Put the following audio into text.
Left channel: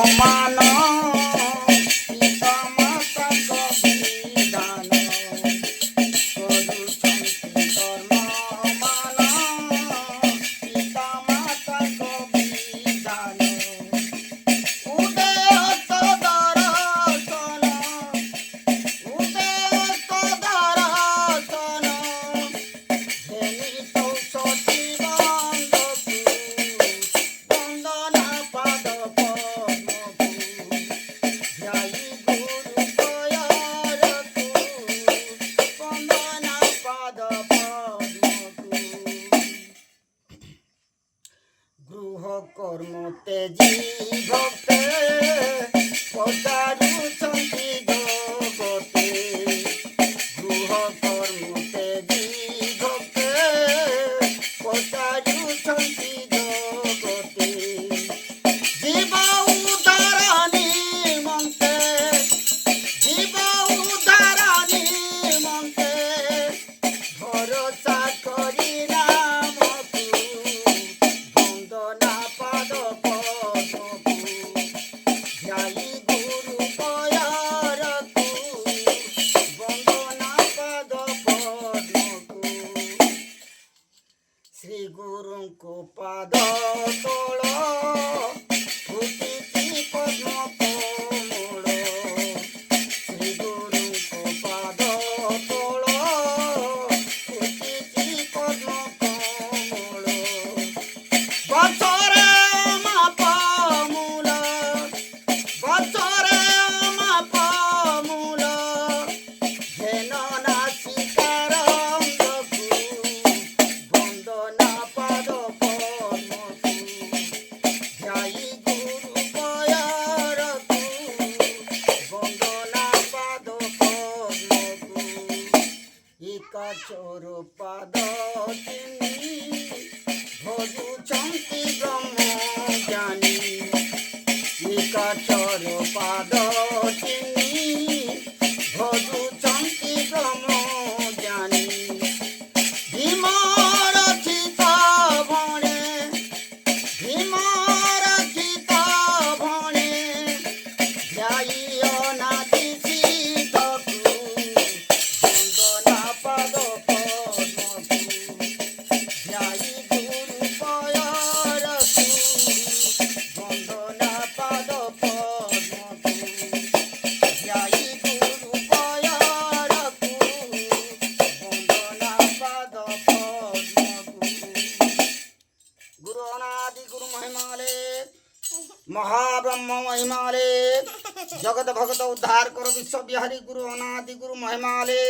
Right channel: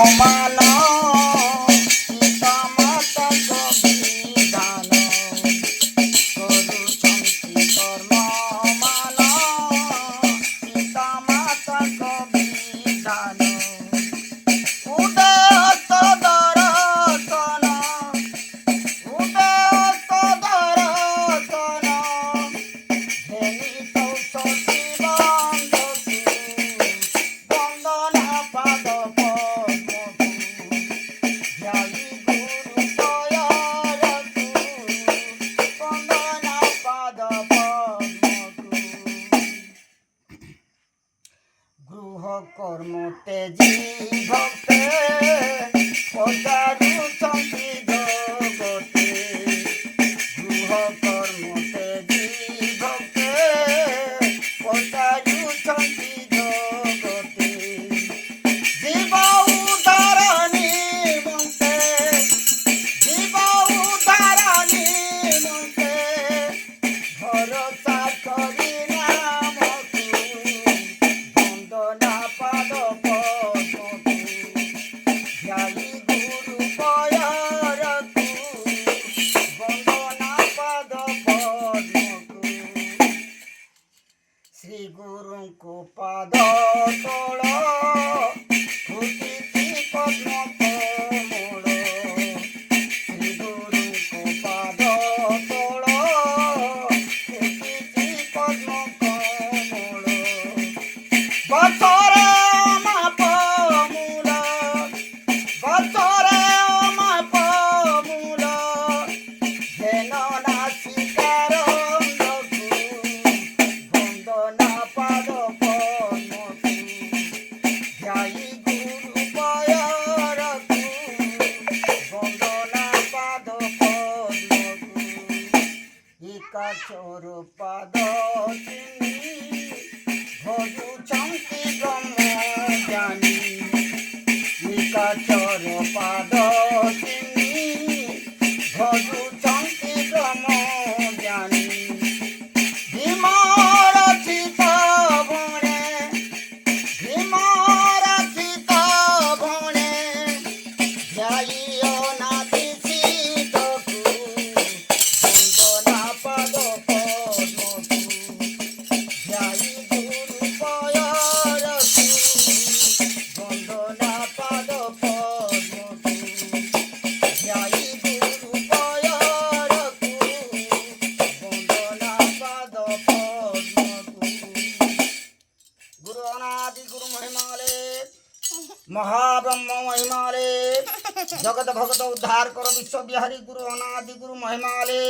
মানো সীতা মাতা বিধান করুছন্তি ধর্ম মানো সীতা মাতা বিধান উদয়ত দর্শন উদয়ত দর্শন ধেনিত সতী বন্দকু বন্দনা পাদ পদ্মকু ধ্যায়ী গুরু দয়ারকু বন্দনা পাদ পদ্মকু গৃহ কর্ম তেজী ভক্তে পচারুছন্তি জগতে গৃহ কর্ম তেজী ভক্তে পচারুছন্তি জগতে জীব উদ্ধার নিমন্তে জীব উদ্ধার নিমন্তে ভরসা করি নামকু বন্দনা পাদ পদ্মকু ধ্যায়ী গুরু দয়ারকু বন্দনা পাদ পদ্মকু শ্রী গুরুଙ୍କୁ পাদ ତଳ ଫୁଟିଛି ପଦ୍ମ କମଳ ଶ୍ରୀ ଗୁରୁଙ୍କୁ ପାଦ ତଳ ଫୁଟିଛି ପଦ୍ମ କମଳ ବଛରେ ମାପ ମୂଳ ବଛରେ ମାପ ମୂଳ ଧେନ ନାସିକାର ଅଙ୍ଗକୁ ବନ୍ଦନା ପାଦ ପଦ୍ମକୁ ଧ୍ୟାୟୀ ଗୁରୁ ଦୟାରକୁ ବନ୍ଦନା ପାଦ ପଦ୍ମକୁ ଏକାଚର ପାଦ ଚିହ୍ନି ଭଜୁଛନ୍ତି ବ୍ରହ୍ମ ଜ୍ଞାନୀ ଏକାଚର ପାଦ ଚିହ୍ନି ଭଜୁଛନ୍ତି ବ୍ରହ୍ମ ଜ୍ଞାନୀ ভীমর চিত ভণে ভীমর চিত ভণে ধ্যায়ী অনাদি চিতকু বন্দনা পাদ পদ্মকু ধ্যায়ী গুরু দয়ারকু বন্দনা পাদ পদ্মকু ধ্যায়ী গুরু দয়ারকু বন্দনা পাদ পদ্মকু গুরু অনাদি গুরু মহিমালে মহাব্রহ্ম মহিমালে জগত ভগত উদ্ধার কর বিশ্ববিহারী গুরু অনাদি গুরু মহিমালে